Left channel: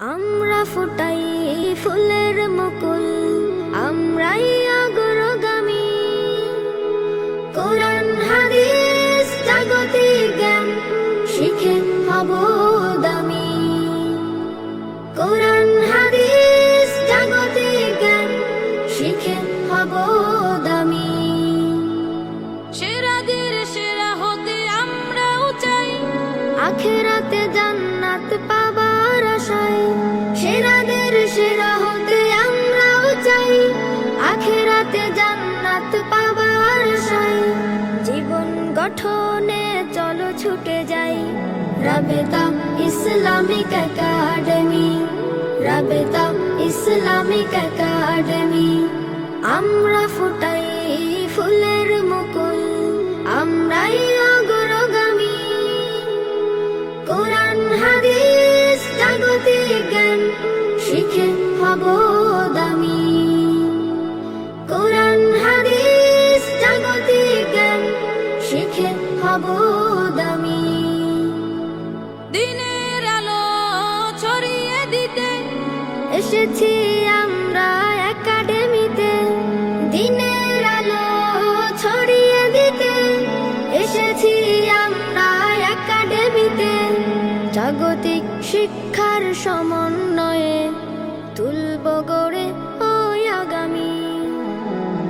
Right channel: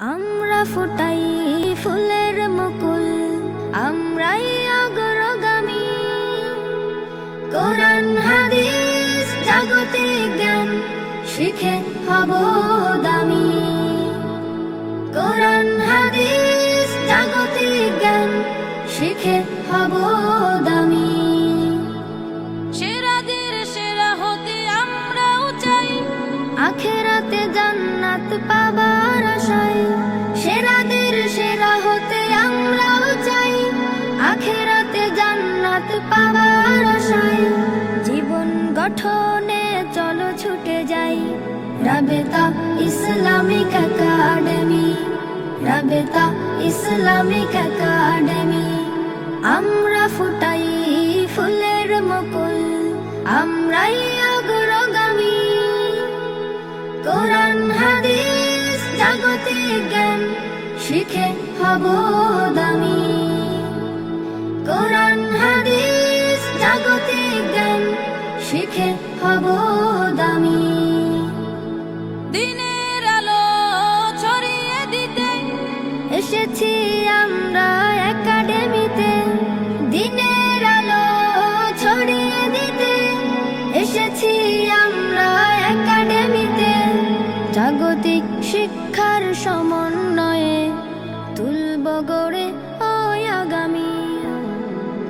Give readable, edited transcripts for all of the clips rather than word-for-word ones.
আমরা ফুটাই ফুলের মুকুল, আমরাই অগ্রগামী। কোরআন হাদিস জাগতিক জ্ঞান শিখে হব দামি। কোরআন হাদিস জাগতিক জ্ঞান শিখে হব দামি। সেরাদের সেরা হতে আমরাও চাই, আখেরাতে জান্নাত পাবার আশায়। সেরাদের সেরা হতে আমরাও চাই, আখেরাতে জান্নাত পাবার আশায়। জীবন গঠনে চলো ছুটে যাই, Rabeta Islamic academy, Rabeta Islamic academy. আমরা ফুটাই ফুলের মুকুল, আমরাই অগ্রগামী। কোরআন হাদিস জাগতিক জ্ঞান শিখে হব দামি। কোরআন হাদিস জাগতিক জ্ঞান শিখে হব দামি। দিনের আলো ছড়িয়ে দিতে এসেছি আমরা একাডেমিতে, দিনের আলো ছড়িয়ে দিতে এসেছি আমরা একাডেমিতে। জাগতিক শিক্ষার সমন্বয়ে তুলব গড়ে ওই আগামী।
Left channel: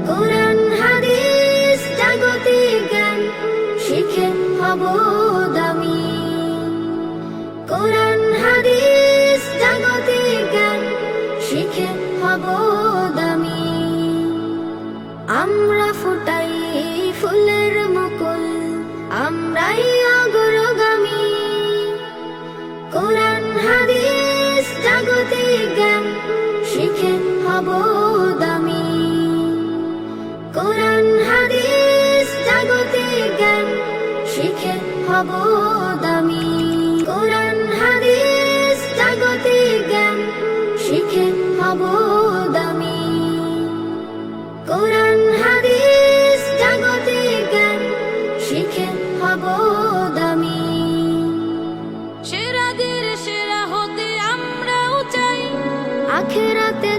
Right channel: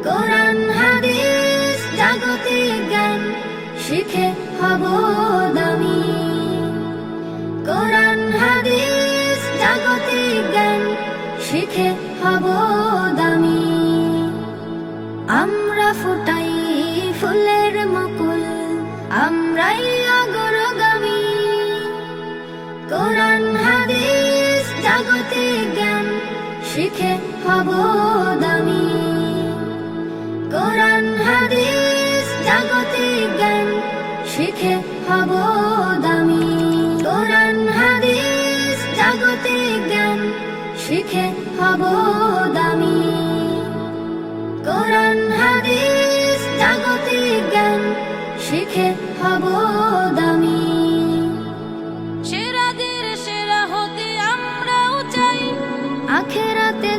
কোরআন হাদিস জাগতিক জ্ঞান শিখে হব দামি। কোরআন হাদিস জাগতিক জ্ঞান শিখে হব দামি। আমরা ফুটাই ফুলের মুকুল, আমরাই অগ্রগামী। কোরআন হাদিস জাগতিক জ্ঞান শিখে হব দামি। কোরআন হাদিস জাগতিক জ্ঞান শিখে হব দামি। কোরআন হাদিস জাগতিক জ্ঞান শিখে হব দামি। কোরআন হাদিস জাগতিক জ্ঞান শিখে হব দামি। সেরাদের সেরা হতে আমরাও চাই, আখেরাতে